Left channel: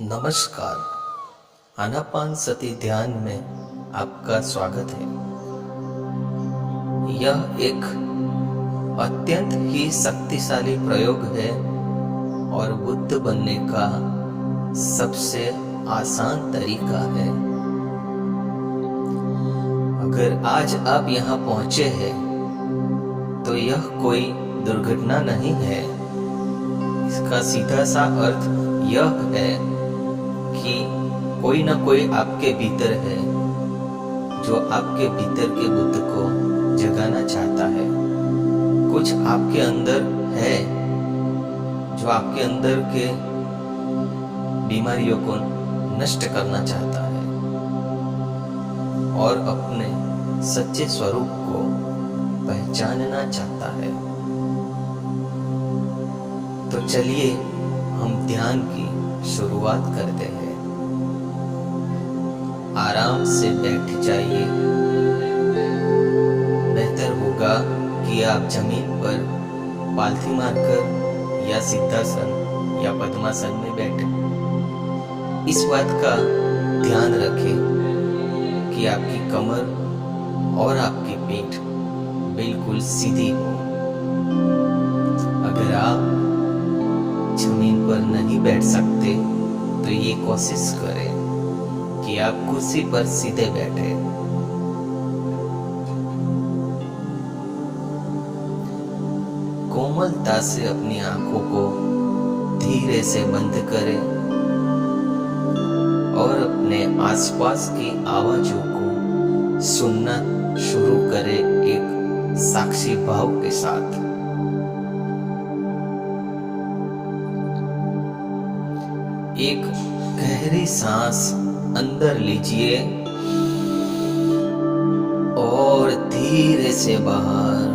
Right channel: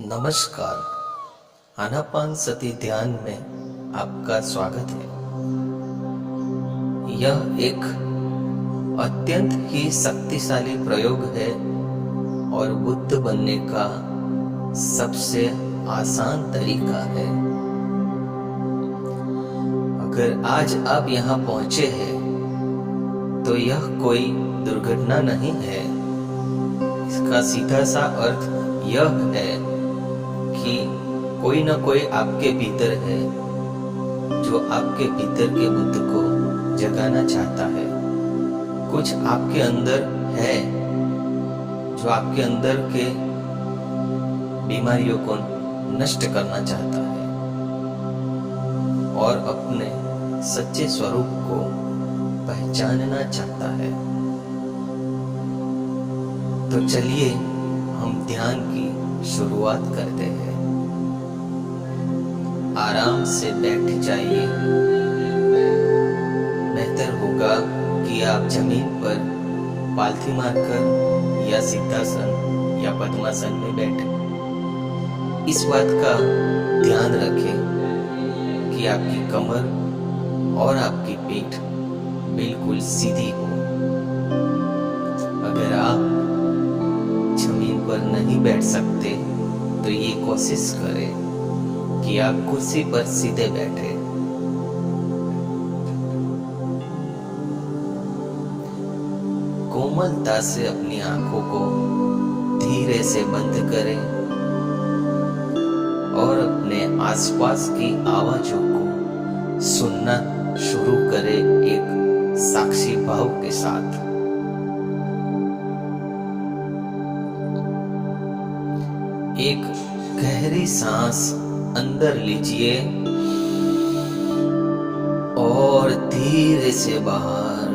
नमस्कार। आनापानसति ध्यान में आपका स्वागत है। यह एक अत्यंत ही शक्तिशाली प्रयोग है और बुद्ध बनने का सबसे आसान तरीका है। अगर आज आप यहाँ पहुंचे हैं तो यह कोई दुर्घटना नहीं है। इसका सीधा सा अर्थ यह है कि कोई ना कोई आपके भीतर है जो आपके भीतर के बुद्ध को जगाना चाहता है। कुछ आपके अंदर है जो आपके अंदर के बीमारियों को नष्ट करना चाहता है और अपने सच्चे स्वरूप को पहचानना चाहता है। तो चलिए हम ध्यान की शुरुआत करते हैं। आराम से बैठ जाइए। बेहतर होगा कि आप जमीन पर पालथी मारकर या सिद्धासन या पद्मासन में बैठें। इस बात का ध्यान रखें कि आपकी कमर और आपकी पीठ बिल्कुल सीधी हो। अगर आप जमीन पर नहीं बैठ सकते तो ये कोशिश करें कि आप कुर्सी पर सीधे बैठे। कोमलता से अपनी आंखों को धीरे से बंद करें और अपने आसपास की आवाजों को सुनना शुरू करें एक साक्षी भाव के साथ। एक गहरी सांस अंदर लीजिए और धीरे से बाहर।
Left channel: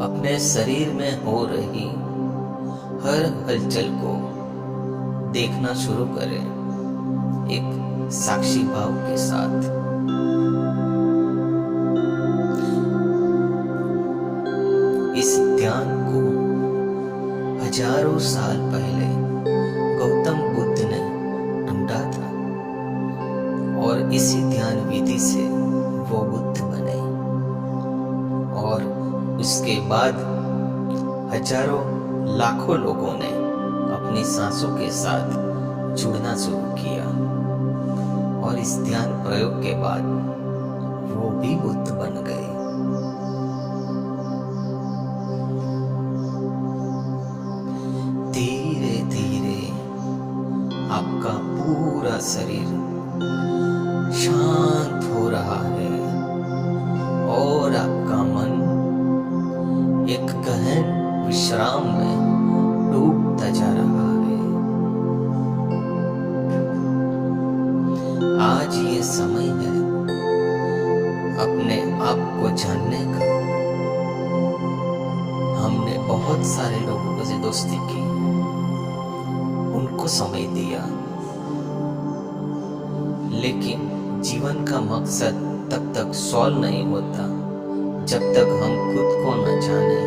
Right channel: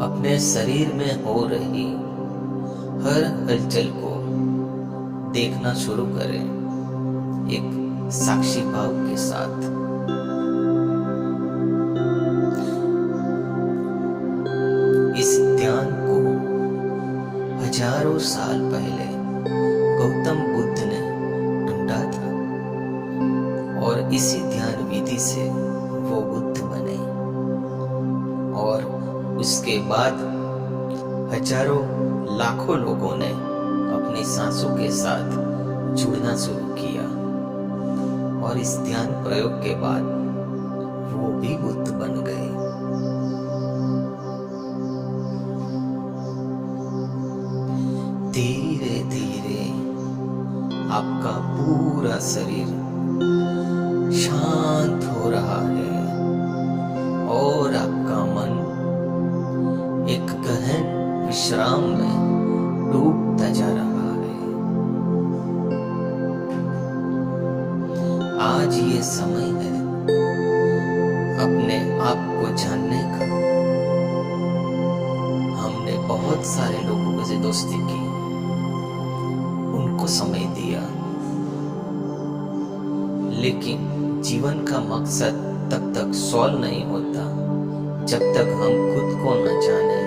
अपने शरीर में हो रही हर हलचल को देखना शुरू करें एक साक्षी भाव के साथ। इस ध्यान को हजारों साल पहले गौतम बुद्ध ने ढूंढा था और इसी ध्यान विधि से वो बुद्ध बने और उसके बाद हजारों लाखों लोगों ने अपनी सांसों के साथ जुड़ना शुरू किया और इस ध्यान प्रयोग के बाद वो भी बुद्ध बन गए। धीरे धीरे आपका पूरा शरीर शांत हो रहा है और आपका मन एक गहन विश्राम में डूबता जा रहा है। आज ये समय है अपने आप को जानने का। हमने बहुत सारे लोगों से दोस्ती की, उनको समय दिया, लेकिन जीवन का मकसद तब तक सॉल्व नहीं होता जब तक हम खुद को न जाने,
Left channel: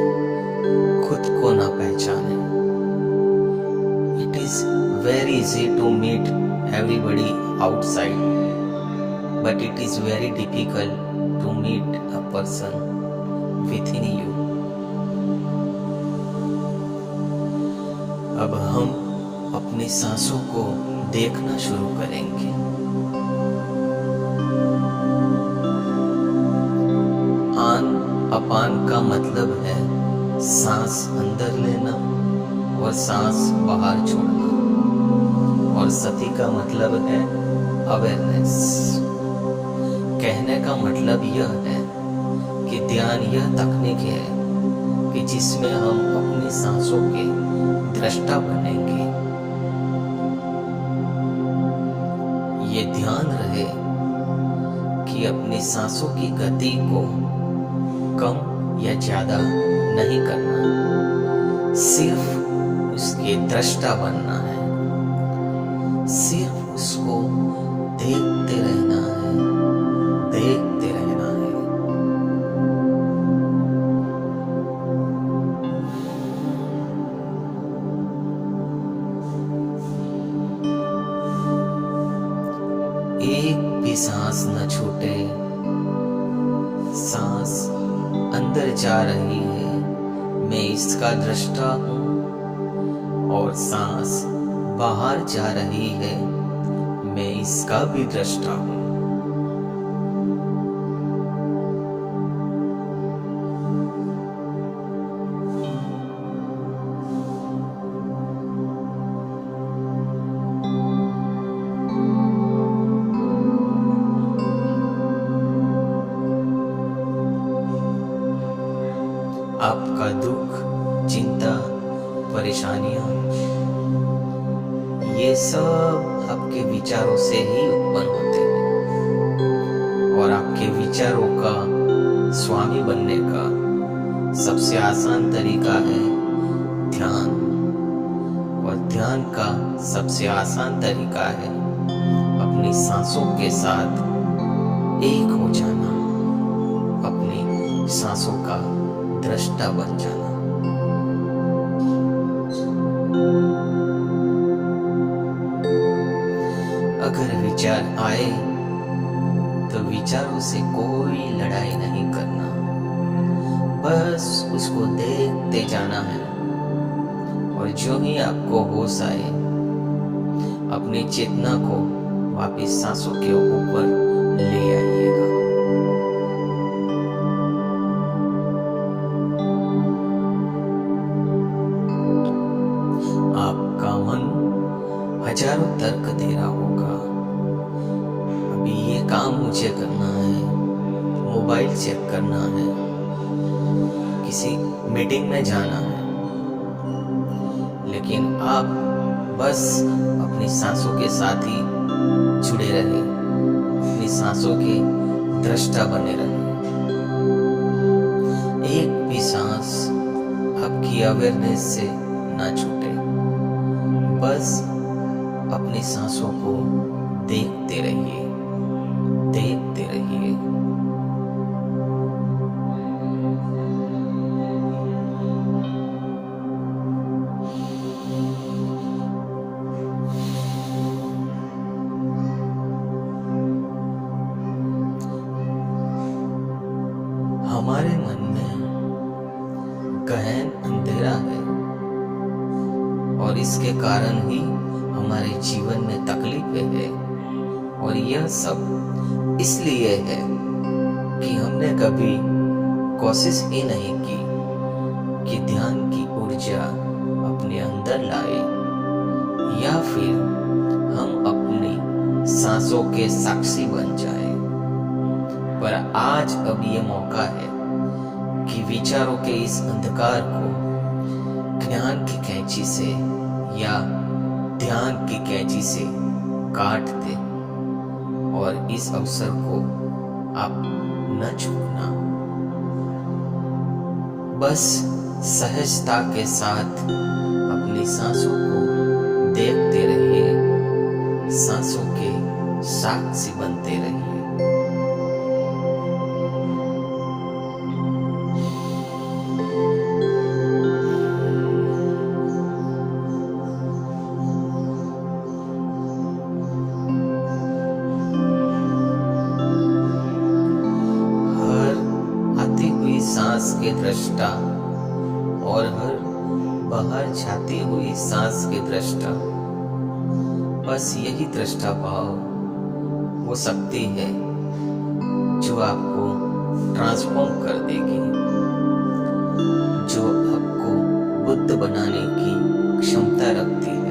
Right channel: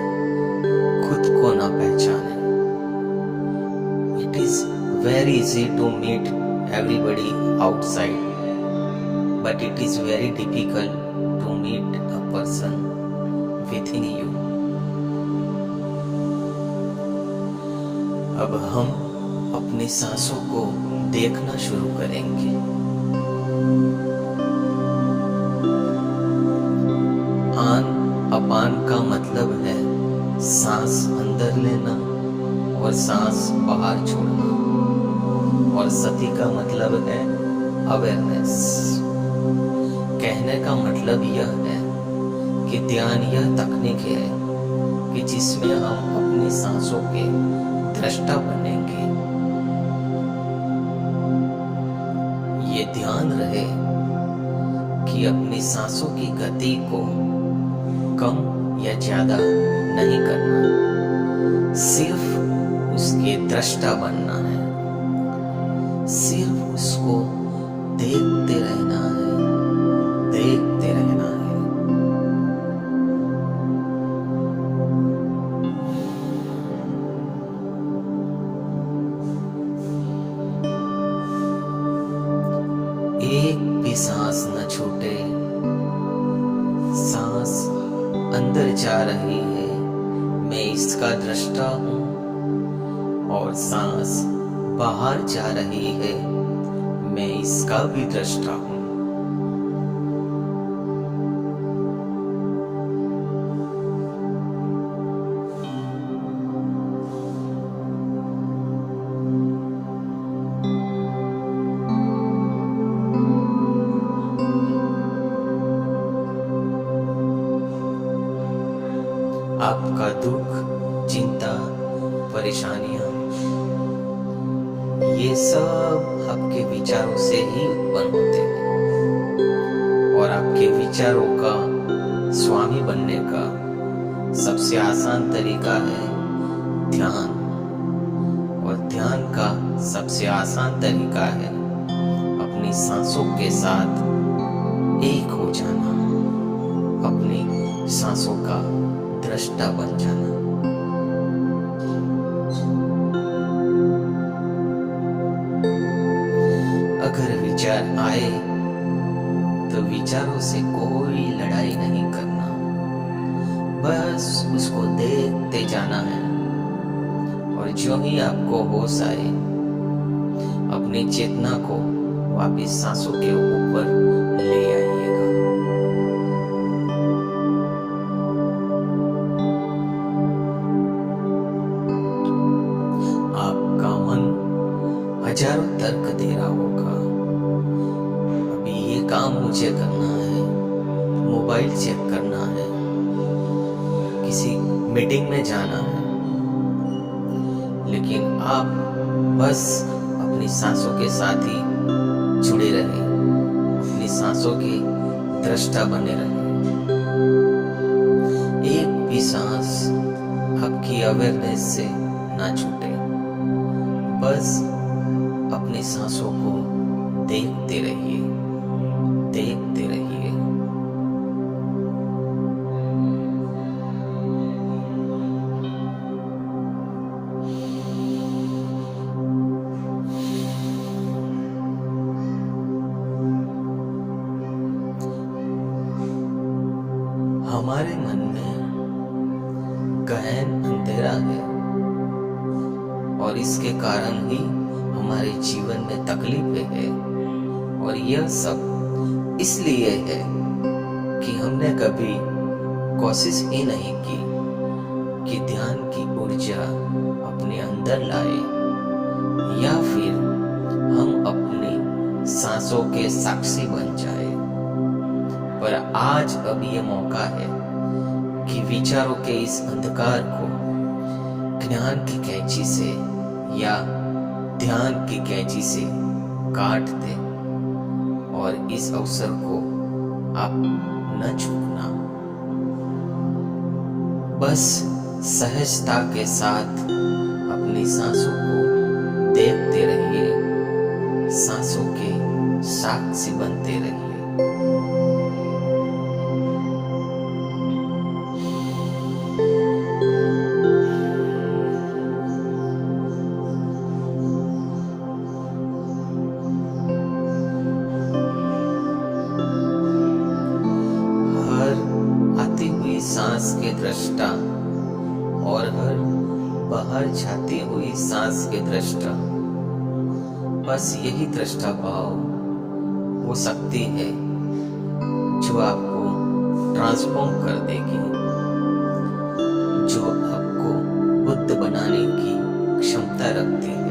खुद को न पहचाने। It is very easy to meet everybody outside, but it is very difficult to meet a person within you. अब हम अपनी सांसों को देखना शुरू करेंगे। आन अपान का मतलब है सांस अंदर लेना और सांस बाहर छोड़ना, और सति का मतलब है अवेयरनेस। कहने का मतलब यह है कि ध्यान यह तकनीक है कि जिसमें हम अपनी सांसों के दृष्टा बनेंगे। ये ध्यान रहे कि अपनी सांसों की गति को कम या ज्यादा नहीं करना, सिर्फ उसके दृष्टा बनना है, सिर्फ उसको देखते रहना है, देखते रहना है। एक भी सांस न छूटे। सांस अंदर जा रही है, मैं इसका दृष्टा हूँ, और सांस बाहर जा रही है, मैं इसका भी दृष्टा हूँ। आपका दुख, चिंता, परेशानियां, ये सब आपके विचारों से ही उत्पन्न होते हैं। और आपके विचारों का स्वामी बनने का सबसे आसान तरीका है ध्यान। और ध्यान का सबसे आसान तरीका है अपनी सांसों के साथ एक हो जाना, अपनी सांसों का दृष्टा बन जाना। अगर विचार आए तो विचारों से कोई लड़ाई नहीं करना, बस उसको देखते जाना है। और जो ही आपको होश आए, अपनी चेतना को वापस सांसों के ऊपर ले आइएगा। आपका मन हजारों तर्क दे रहा होगा, अभी ये काम मुझे करना है, मोबाइल चेक करना है, किसी मीटिंग में जाना है। लेकिन आप बस अपनी सांसों के साथ ही जुड़े रहे, अपनी सांसों के दृष्टा बने रहे। एक भी सांस आपकी अवेयरनेस से ना छूटे, बस अपनी सांसों को देखते रहिए, देखते रहिए। हमारे मन में गहन अंधेरा है, और इसके कारण ही हमारे जीवन में तकलीफें हैं। और यह सब इसलिए है कि हमने कभी कोशिश ही नहीं की कि ध्यान की ऊर्जा अपने अंदर लाए, या फिर हम अपनी सांसों के साक्षी बन जाए। पर आज अब ये मौका है कि विचारों के इस अंधकार को ज्ञान की कैंची से या ध्यान की कैंची से काट दे। और इस अवसर को आप न चूकना, बस सहजता के साथ अपनी सांसों को देखते रहिए, सांसों के साक्षी बनते रहिए। सांस के दृष्टा और हर बाहर जाती हुई सांस के दृष्टा, बस यही दृष्टा भाव वो शक्ति है जो आपको ट्रांसफॉर्म कर देगी, जो आपको बुद्ध बनाने की क्षमता रखती है।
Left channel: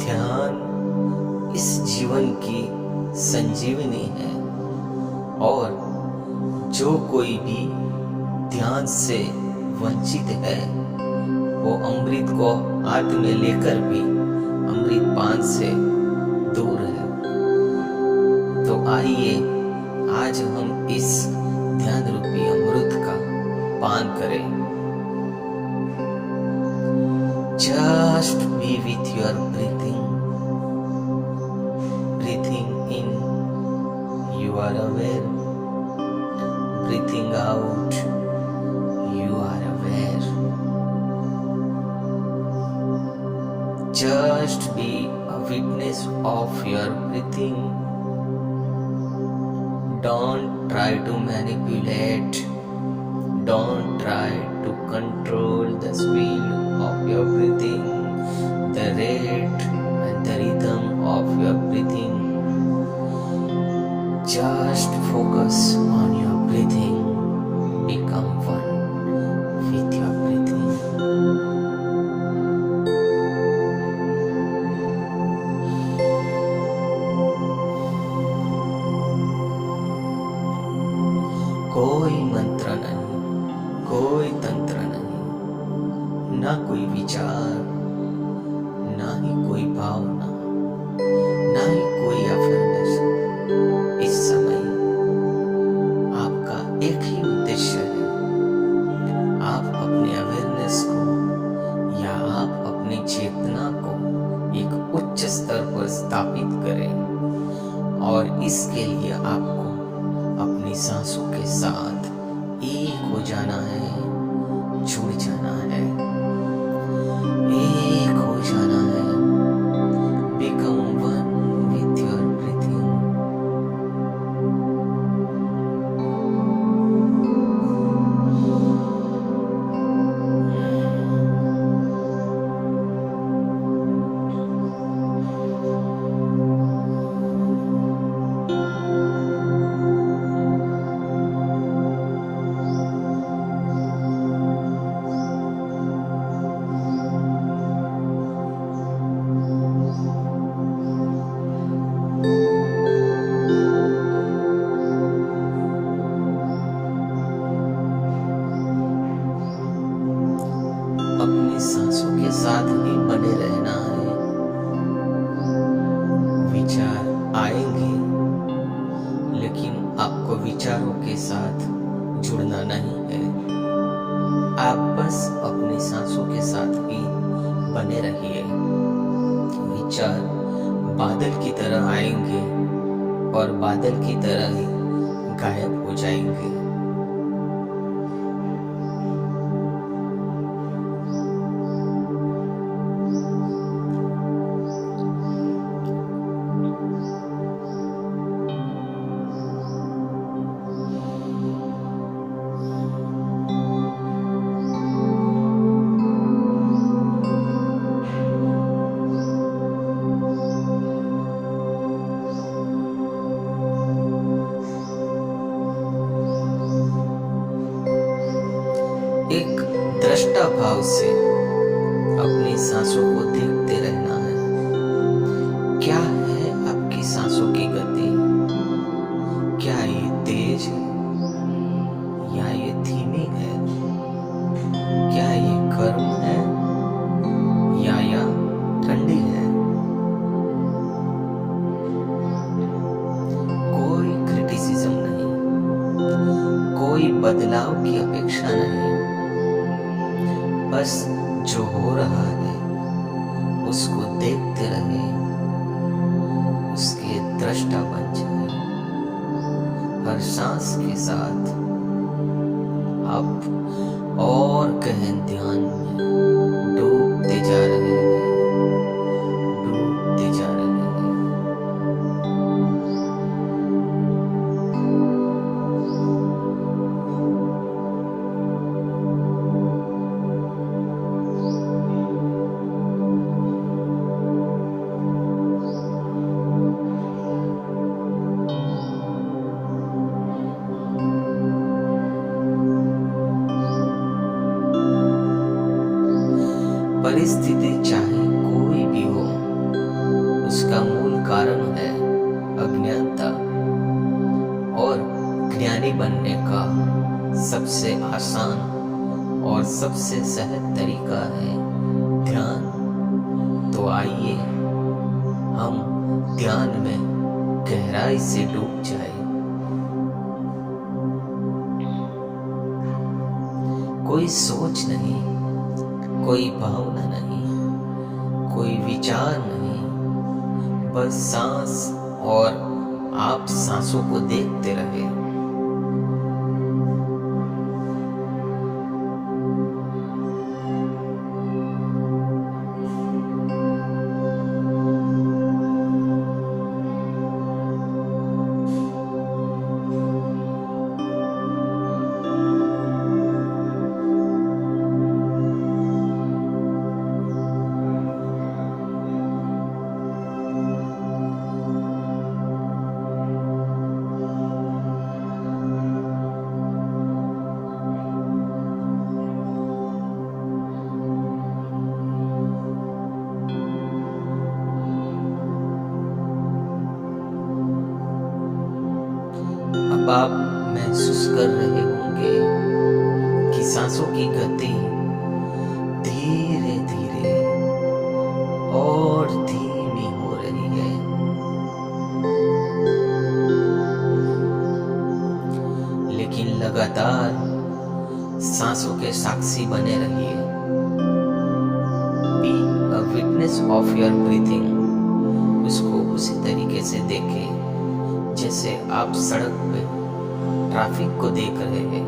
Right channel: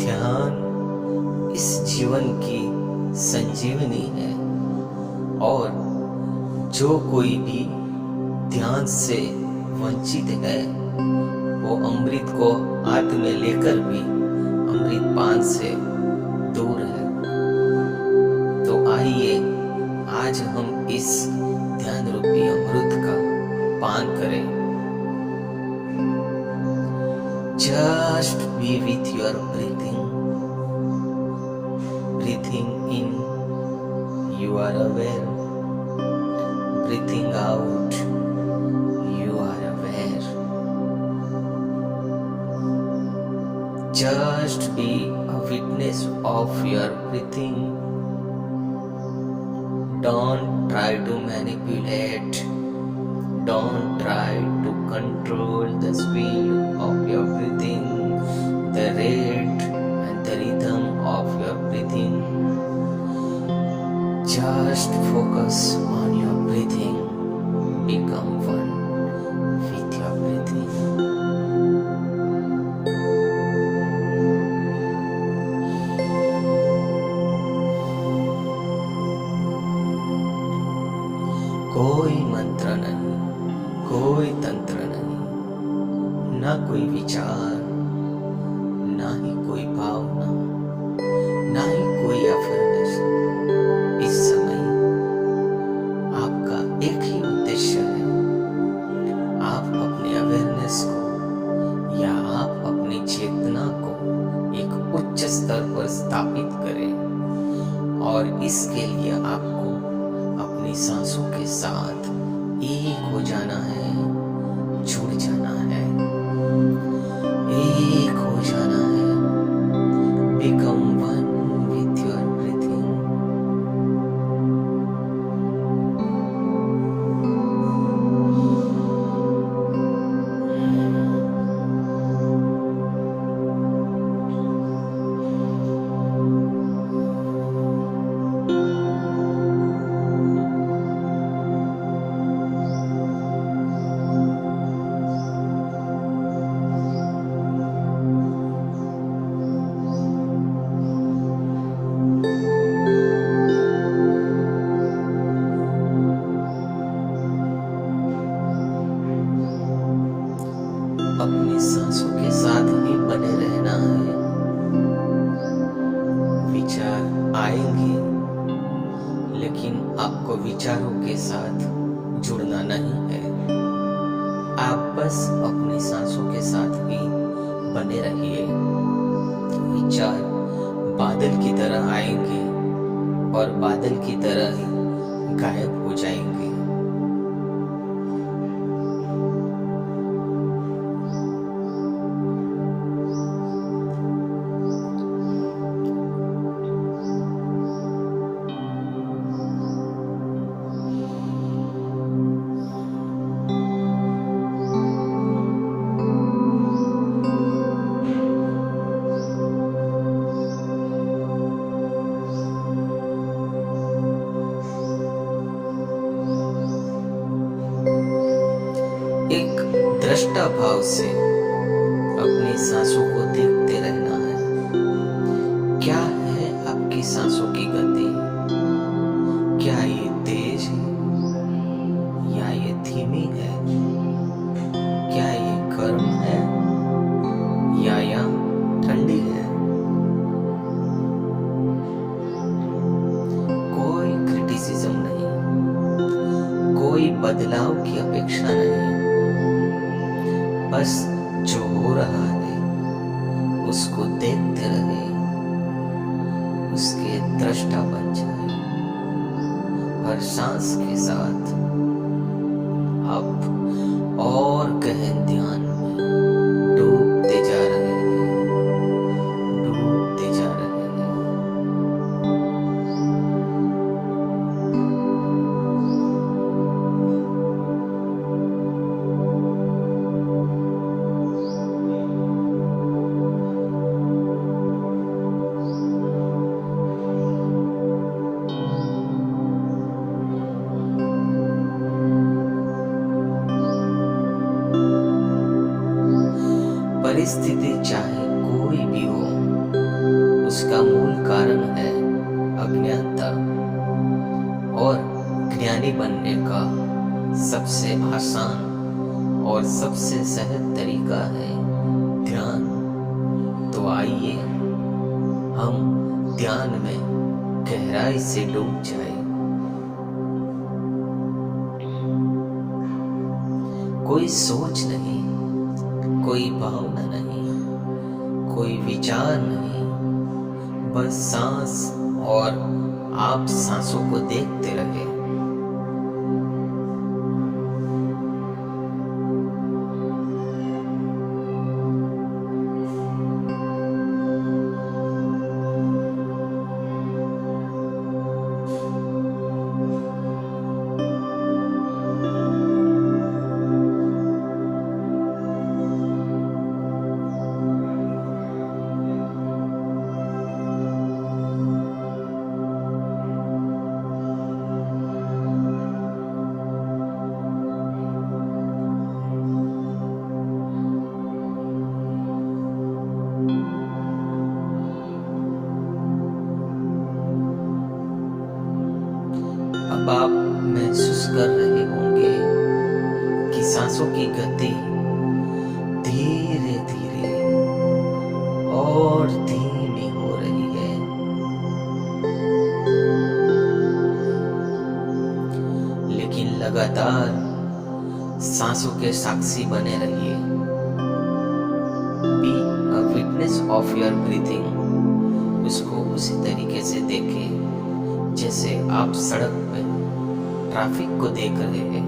ध्यान इस जीवन की संजीवनी है, और जो कोई भी ध्यान से वंचित है वो अमृत को हाथ में लेकर भी अमृत पान से दूर है। तो आइए आज हम इस ध्यान रूपी अमृत का पान करें। Just be with your breathing. Breathing in, you are aware. Breathing out, you are aware. Just be a witness of your breathing. Don't try to manipulate. Don't try to control the speed of your breathing, the rate and the rhythm of your breathing. Just focus on your breathing. Become one with your breathing. कोई मंत्र नहीं, कोई तंत्र नहीं, ना कोई विचार, ना ही कोई भावना, ना ही कोई अफर्मेशन। इस समय आपका एक ही उद्देश्य है, आप अपने अवेयरनेस को या आप अपनी चेतना को एक उच्च स्तर पर स्थापित करें, और इसके लिए आपको अपनी सांसों के साथ एक हो जाना है, जुड़ जाना है, एक हो जाना है। Become one with your breathing. अपनी सांसों के साथ ही बने रहना है। विचार आएंगे, लेकिन आपको विचारों के साथ जुड़ना नहीं है। आप बस अपनी सांसों के साथ ही बने रहिए। विचार बादल की तरह आएंगे और बादल की तरह ही गायब हो जाएंगे। एक दृष्टा भाव से अपनी सांसों को देखते रहना है। क्या है आपकी सांसों की गति? क्या ये तेज है या ये धीमी है? क्या ये गर्म है या ठंडी है? कोई क्रिटिसिज्म नहीं, कोई बदलाव की अपेक्षा नहीं। बस जो हो रहा है उसको देखते रहे, उसके दृष्टा बन जाए। हर सांस के साथ आप और गहन ध्यान में डूबते जा रहे हैं, डूबते जा रहे हैं। परिस्थिति चाहे कोई भी हो, उसका मूल कारण है अज्ञानता, और ज्ञानी बनने का सबसे आसान और सबसे सहज तरीका है ध्यान। तो आइए हम ध्यान में गहराई से डूब जाए। कोई सोच नहीं, कोई भावना नहीं, कोई विचार नहीं, बस सांस और आप सांसों को देखते रहे। अब आप महसूस कर रहे होंगे कि सांसों की गति धीरे धीरे और धीमी हो रही है। लेकिन लगातार सांसों के साक्षी बने रहिए। Be a witness of your breathing. उसको उसी तरीके से देखें जैसे आप सड़क पे ट्रैफिक को देख रहे हैं।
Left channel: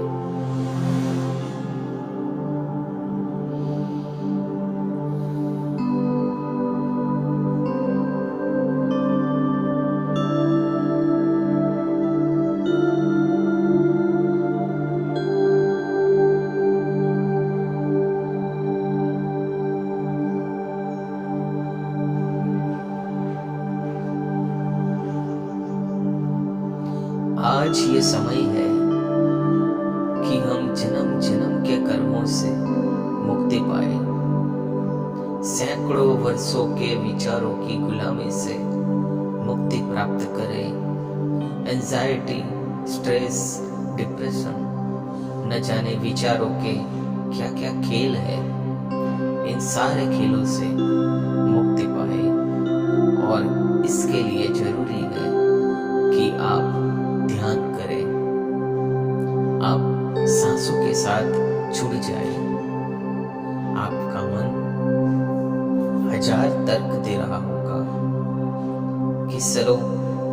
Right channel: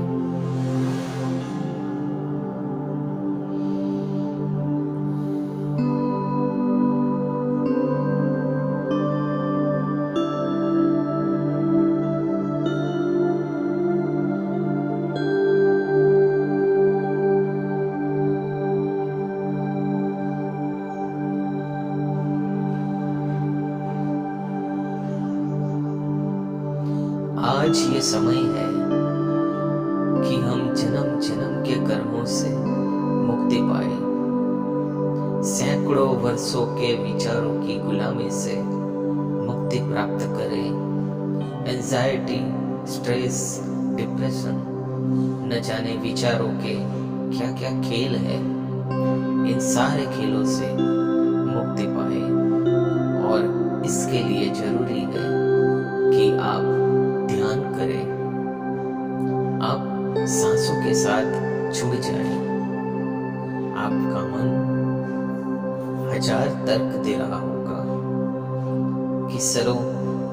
आज ये समय है कि हम जन्म जन्म के कर्मों से मुक्ति पाए, सैकड़ों वर्षों के विचारों की गुलामी से मुक्ति प्राप्त करें। एंजाइटी, स्ट्रेस, डिप्रेशन, न जाने विचारों के क्या क्या खेल है, इन सारे खेलों से मुक्ति पाए। और इसके लिए जरूरी है कि आप ध्यान करें। आप सांसों के साथ जुड़ जाए। आपका मन हजार तर्क दे रहा होगा कि चलो,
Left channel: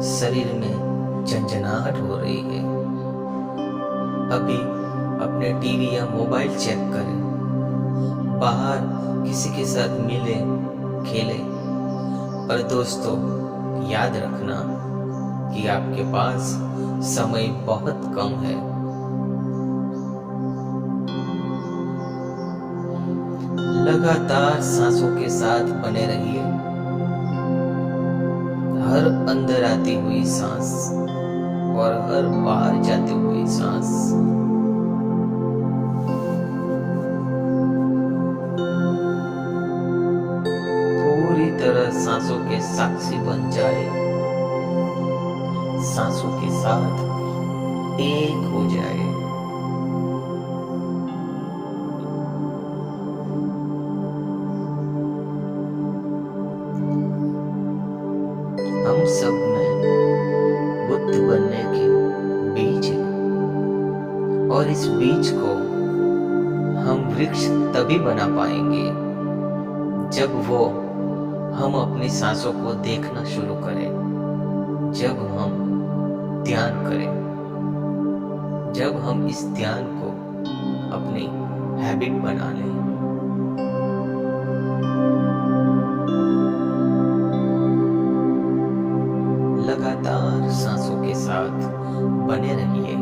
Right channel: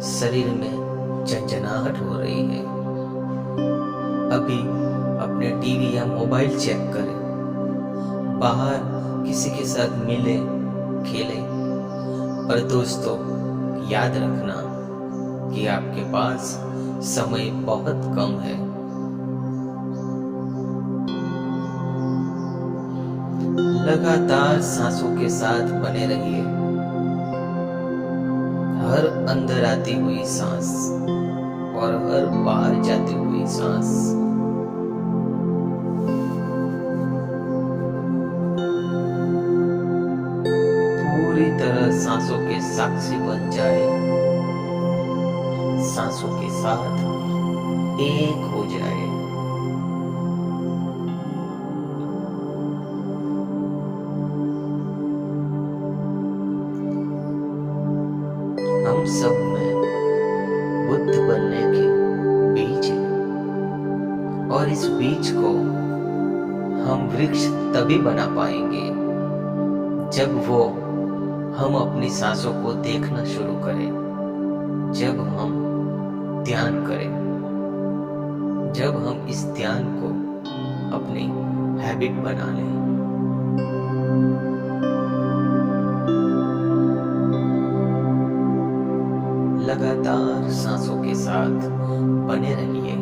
शरीर में झंझनाहट हो रही है, अभी अपने टीवी या मोबाइल चेक करें, बाहर किसी के साथ मिले खेले। पर दोस्तों, याद रखना कि आपके पास समय बहुत कम है। लगातार सांसों के साथ बने रहिए। हर अंदर आती हुई सांस और हर बाहर जाती हुई सांस पूरी तरह सांसों के साक्षी बन जाए, सांसों के साथ एक हो जाए। हम सब में बुद्ध बनने के बीज है, और इस बीज को हम वृक्ष तभी बना पाएंगे जब हम अपनी सांसों को देखना शुरू करें, जब हम ध्यान करें, जब हम इस ध्यान को अपनी हैबिट बना लें। लगातार सांसों के साथ बने रहिए।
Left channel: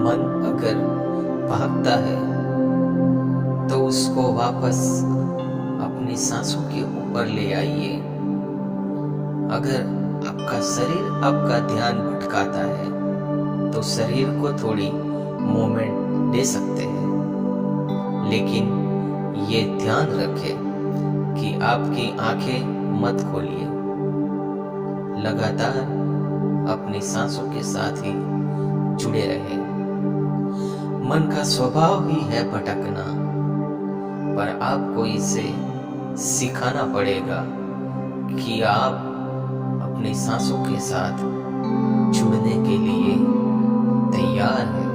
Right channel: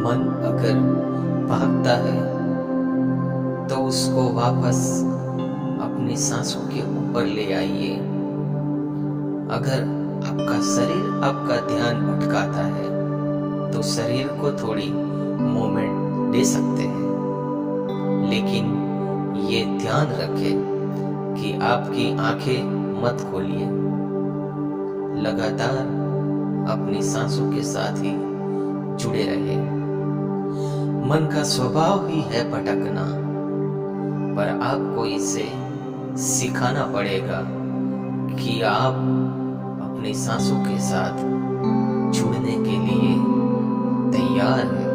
मन अगर भागता है तो उसको वापस अपनी सांसों के ऊपर ले आइए। अगर आपका शरीर आपका ध्यान भटकाता है तो शरीर को थोड़ी मोमेंट दे सकते हैं, लेकिन ये ध्यान रखें कि आपकी आंखें मत खोलिए। लगातार अपनी सांसों के साथ ही जुड़े रहें। मन का स्वभाव ही है भटकना, पर आपको इसे सिखाना पड़ेगा कि आप अपनी सांसों के साथ जुड़ने के लिए तैयार हैं।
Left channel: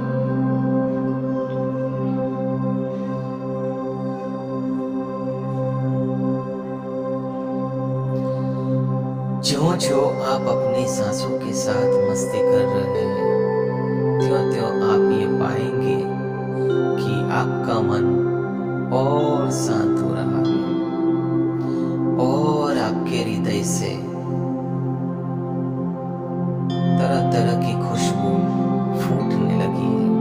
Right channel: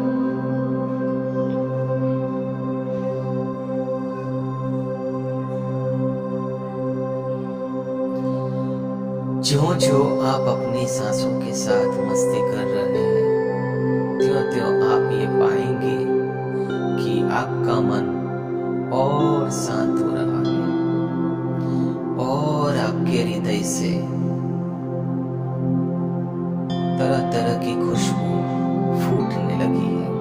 ज्यों-ज्यों आप अपनी सांसों के साथ मस्ती कर रहे हैं, त्यों-त्यों आप ये पाएंगे कि आपका मन और शांत हो रहा है और आपके हृदय से तरह तरह की खुशबू फूटने लगी है।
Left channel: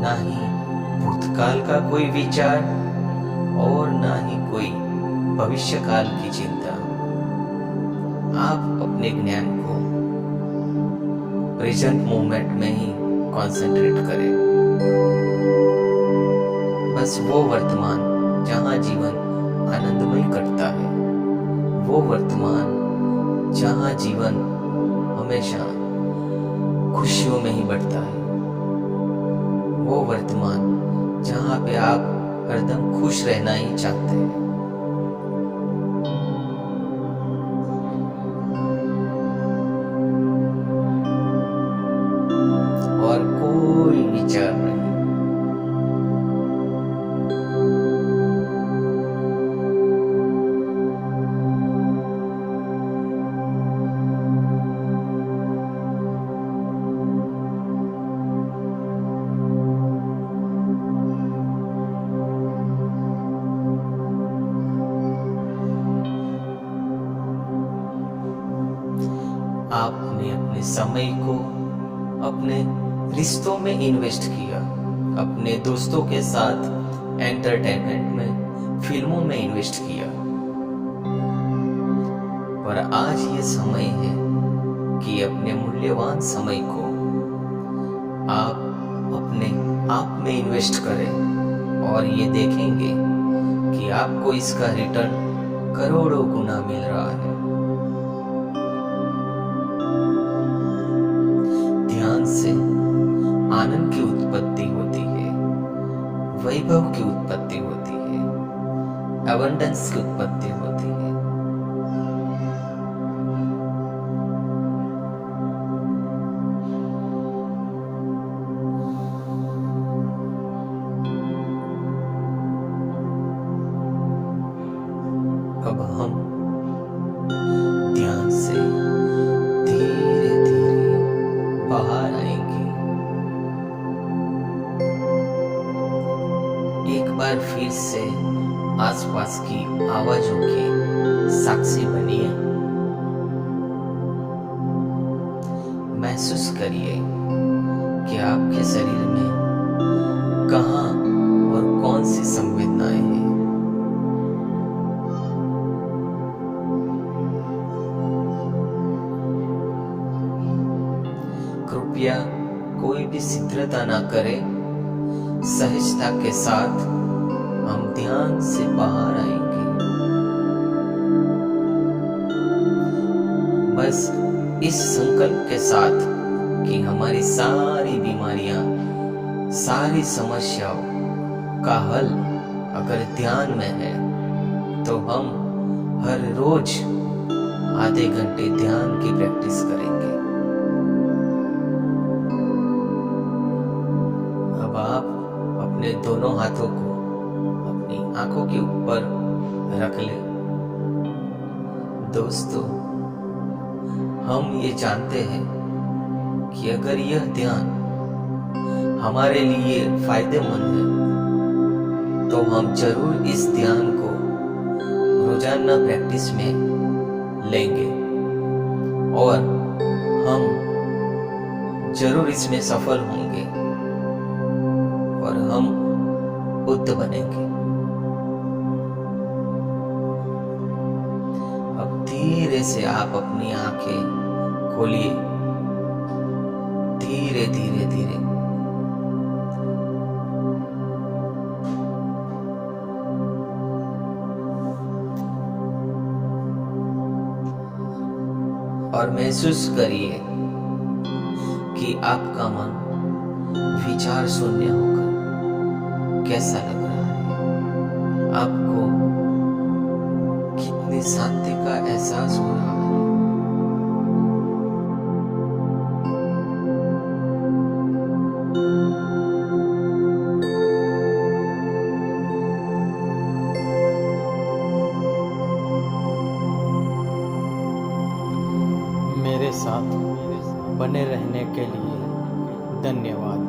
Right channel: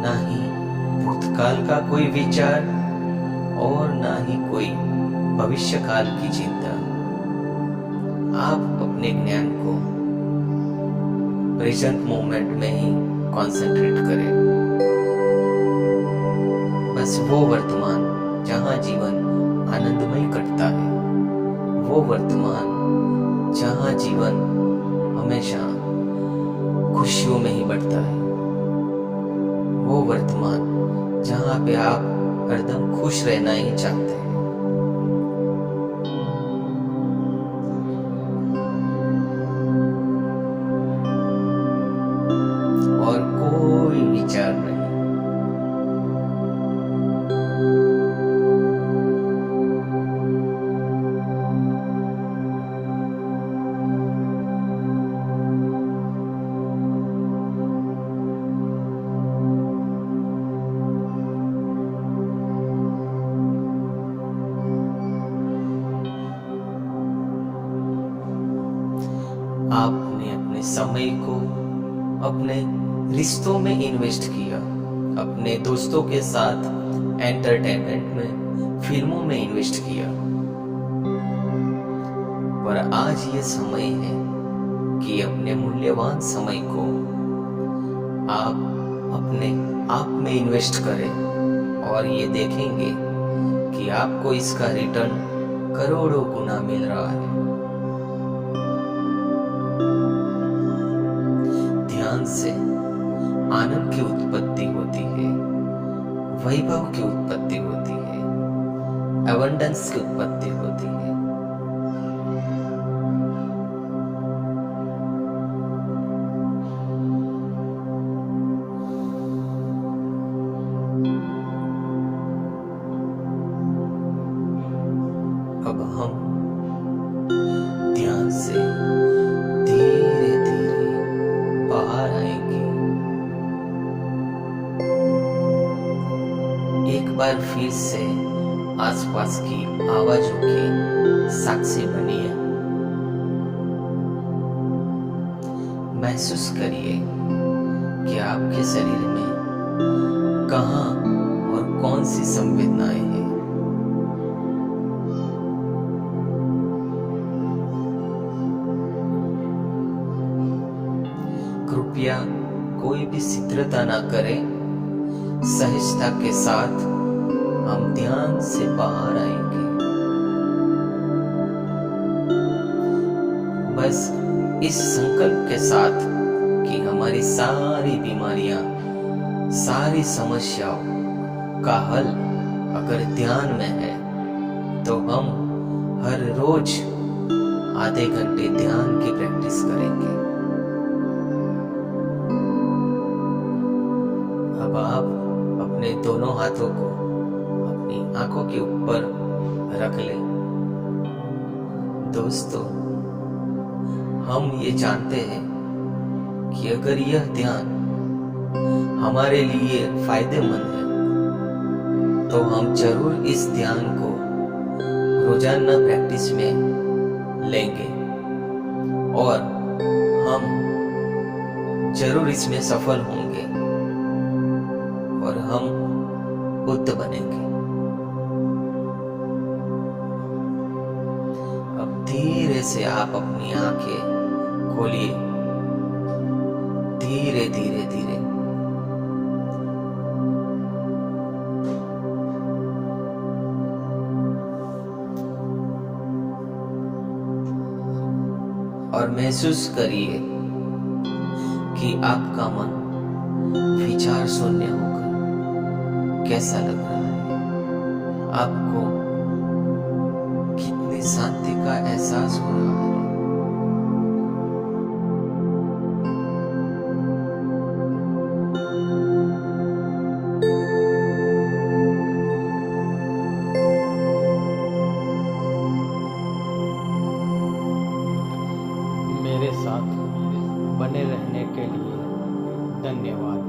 ना ही भूतकाल का कोई विचार और ना ही कोई भविष्यकाल की चिंता। आप अपने ज्ञान को प्रेजेंट मोमेंट में ही कंसंट्रेट करें। बस वो वर्तमान जहां जीवन आनंदमय कटता है, वो वर्तमान जहां जीवन हमेशा खुशियों में ही बढ़ता है, वो वर्तमान जहां पे आप हरदम खुश रहना ही चाहते हैं। और कोई विचार नहीं। आपने अपने समय को अपने रिश्तों में इन्वेस्ट किया, अपने दोस्तों के साथ एंटरटेनमेंट में, फिल्मों में इन्वेस्ट किया, पर आज ये समय है कि अपने मूल्यवान समय को आप अपने आप में इन्वेस्ट करें और ये देखेंगे कि आपको इसका रिटर्न करोड़ों गुना मिल रहा है। ध्यान से आनंद की उत्पत्ति होती है, वैभव की उत्पत्ति होती है, अबंडेंस की उत्पत्ति होती है। अब हम ध्यान से धीरे धीरे बाहर आएंगे। एक बार फिर से आसपास की आवाजों की साक्षी बनिए। महसूस करिए कि आपके शरीर में कहाँ और कौन सी संवेदनाएं हैं। कृपया कोई भी शीघ्रता ना करें, सहजता के साथ हम ध्यान से बाहर आएंगे। बस इस संकल्प के साथ कि हमारी सारी बीमारियां, सारी समस्याओं का हल अगर ध्यान में है, तो हम हर रोज आधे घंटे ध्यान की प्रैक्टिस करेंगे। अब आप अपने दोनों हाथों को अपनी आंखों के ऊपर रख लें। दोस्तों, हम ये जानते हैं कि अगर यह ध्यान हमारे लिए फायदेमंद है, तो हम जरूर इस ध्यान को रोजाना प्रैक्टिस में लेंगे और हम जरूर इसमें सफल होंगे और हम बुद्ध बनेंगे। अब धीरे से आप अपनी आंखें खोलिए, धीरे धीरे धीरे। और महसूस करिए कि आपका मन विचार शून्य होकर कैसा लग रहा है। आपको कितनी शांति का एहसास हो रहा है। मेरे साथ बने रहने के लिए धन्यवाद।